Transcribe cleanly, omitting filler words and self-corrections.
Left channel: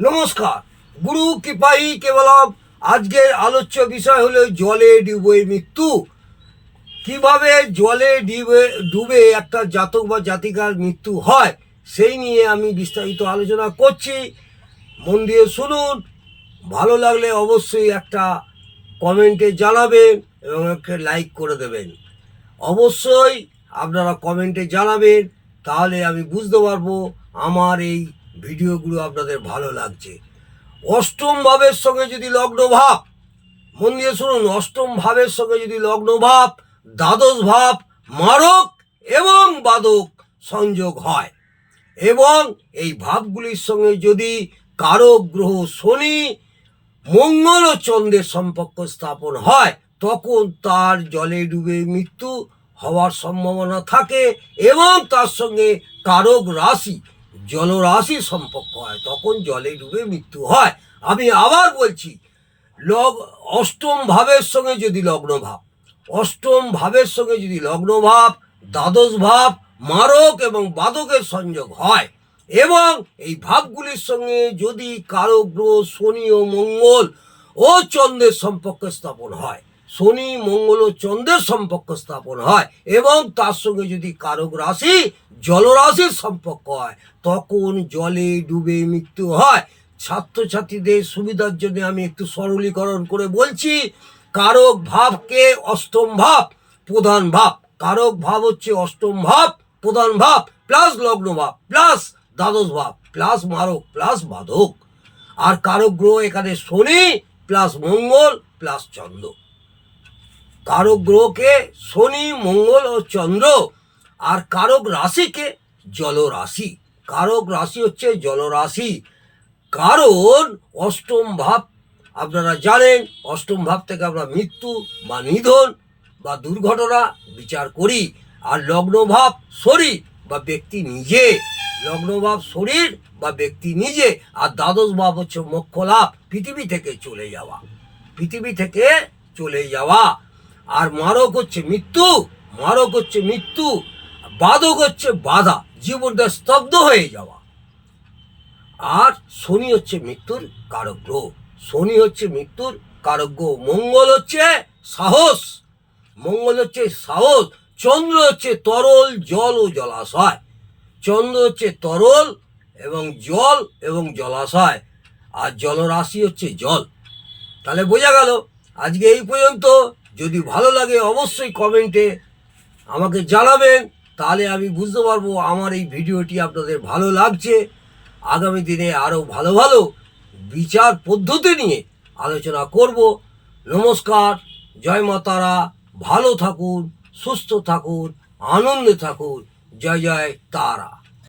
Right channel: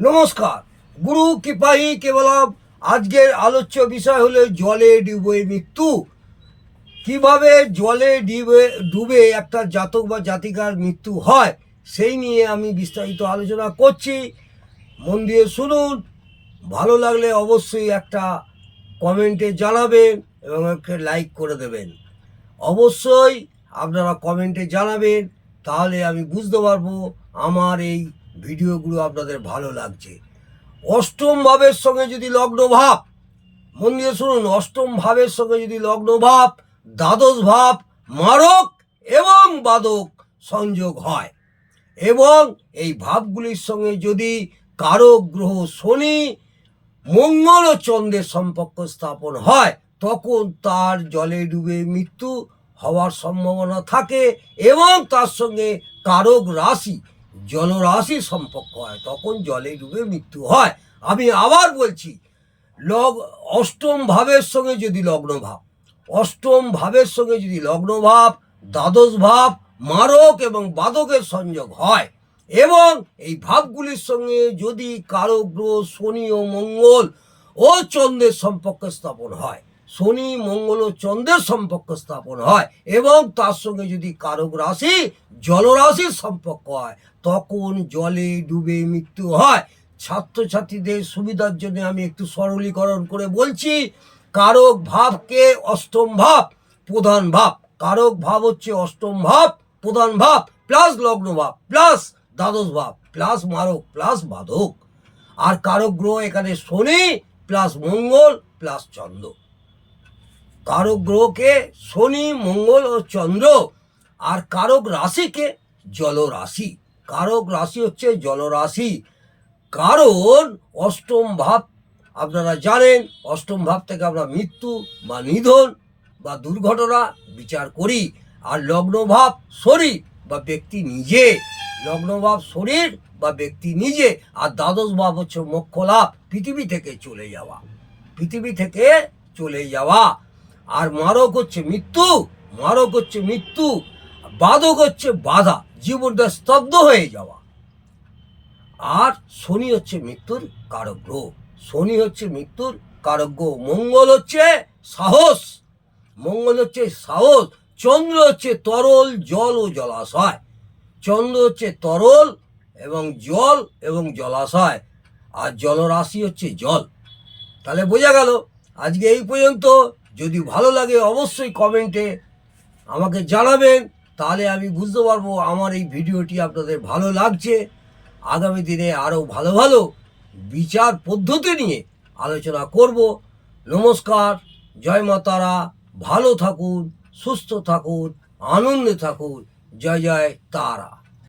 নমস্কার। গুরু কৃপাহি কেবলম। আজকের আলোচ্য বিষয় হলো জলে ডুবে মৃত্যু। কিভাবে জলে ডুবে একটা জাতক বা জাতিকার মৃত্যু হয় সেই নিয়ে আমি বিস্তারিত আলোচনা করছি। মন দিয়ে শুনুন। ভালো লাগলে অবশ্যই একটা কমেন্টে জানাবেন এবং একটা লাইক করে দেবেন। অবশ্যই আপনারা কমেন্টে জানাবেন, তাহলে আমি বুঝতে পারবো আমার এই ভিডিওগুলো আপনাদের ভালো লাগছে। অষ্টম ভাবের সঙ্গে যদি লগ্ন ভাব, মন দিয়ে শুনুন, অষ্টম ভাবের সঙ্গে যদি লগ্ন ভাব, দ্বাদশ ভাব মারক এবং বাদক সংযোগ হয় এবং এই ভাবগুলির সঙ্গে যদি কারক গ্রহ শনি, মঙ্গল ও চন্দ্রের সম্পর্ক স্থাপন হয়, তখন তার জলে ডুবে মৃত্যু হওয়ার সম্ভাবনা থাকে এবং তার সঙ্গে কারক রাশি জলরাশির সম্পর্ক হয়, তখন জলে ডুবে মৃত্যু হয়। আমি আবার বলছি, অষ্টম ভাবের সঙ্গে যদি লগ্ন ভাব, অষ্টম ভাবের সঙ্গে যদি লগ্ন ভাব, দ্বাদশ ভাব মারক এবং বাদকের সংযোগ হয় এবং এই ভাবগুলির সঙ্গে যদি কারক গ্রহ শনি ও মঙ্গল ও চন্দ্রের সম্পর্ক স্থাপন হয়, শনি মঙ্গল ও চন্দ্রের সম্পর্ক স্থাপন হয় এবং তার সঙ্গে যদি কারক রাশি জলরাশির সম্পর্ক হয়, তখন জলে ডুবে মৃত্যু হয়। ছাত্রছাত্রীদের সুবিধার জন্য আমি একটু সরলীকরণ করে বলছি। কারক ভাবকে অষ্টম ভাব প্রধান ভাব, কারক ভাব হচ্ছে অষ্টম ভাব প্রধান ভাব প্লাস লগ্ন ভাব প্লাস দ্বাদশ ভাব প্লাস মারক প্লাস বাধক। আর কারক গ্রহ এখানে শনি প্লাস মঙ্গল প্লাস চন্দ্র। কারক গ্রহকে শনি মঙ্গল ও চন্দ্র। আর কারক রাশিকে জলরাশি। কারক রাশি হচ্ছে জলরাশি। কারণ অষ্টম ভাব আপনারা জানেন, অষ্টম ভাব থেকে আমরা মৃত্যু বা নিধন বা দুর্ঘটনা বিচার করি। আর লগ্নভাব শরীর বা ব্যক্তি নিজে, লগ্নভাব শরীর বা ব্যক্তি নিজে। আর দ্বাদশ ভাব হচ্ছে মোক্ষ লাভ, পৃথিবী থেকে চলে যাওয়া, পৃথিবী থেকে চলে যাওয়া। আর মারক হচ্ছে মৃত্যু, মারক হচ্ছে মৃত্যু। বাধক হচ্ছে বাধা, জীবনটা স্তব্ধ হয়ে যাওয়া। আর শনি হচ্ছে মৃত্যুর কারক গ্রহ, শনি হচ্ছে মৃত্যুর কারক গ্রহ। মঙ্গল হচ্ছে সাহস, মঙ্গল হচ্ছে সাহস। চন্দ্র হচ্ছে তরল জল ও জলাশয়, চন্দ্র হচ্ছে তরল এবং জল এবং জলাশয়। আর জলরাশি হচ্ছে জল। তাহলে বোঝা গেল। আজকে এই পর্যন্ত। যদি ভালো লাগে অবশ্যই কমেন্টে আমাকে জানাবেন, তাহলে আমি বুঝতে পারবো আমার এই ভিডিওটি আপনাদের ভালো লাগছে। আগামী দিনে আরও ভালো ভালো বিচার পদ্ধতি নিয়ে আলোচনা করব। নমস্কার, জয় মা তারা। ভালো থাকুন, সুস্থ থাকুন, আনন্দে থাকুন। জয় জয় তারা।